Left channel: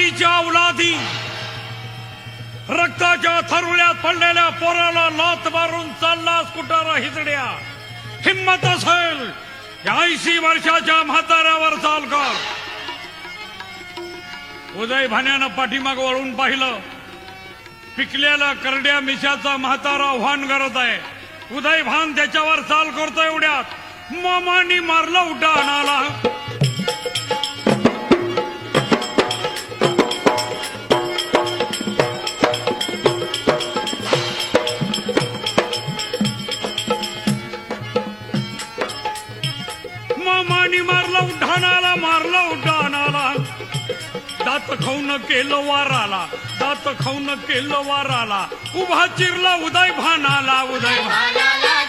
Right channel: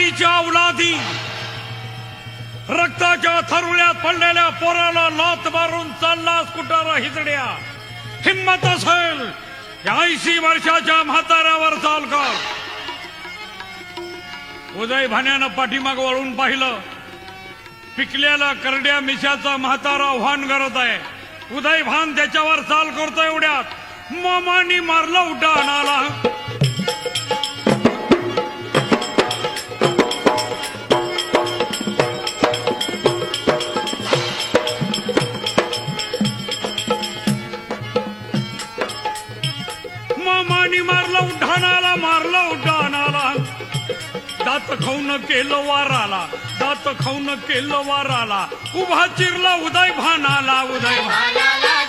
मालीच्या औलादी रक्ताच्या थरुळ्यात पडलेल्या पोराला लात मारून चालला कुटारा हिजड्या. हिम्मत असेल 80 वर्षाच्या म्हाताऱ्यावर चाल कर. उदय भाण्यानं पाठीमाग वळून पाहिलं. पिकलेला करड्या मिशाचा म्हातारा आव्हान करत आहे. उदय भान त्याच्यावर चाल करतोय. एवढ्यात मामानी मारला उड्डाण आणाला. मामानी मारला उड्डाणाला. दात खाऊन केलं वाराला. दात खाऊन केलं वाराला. उभा चिरला उदय भानाला. उदय भानाला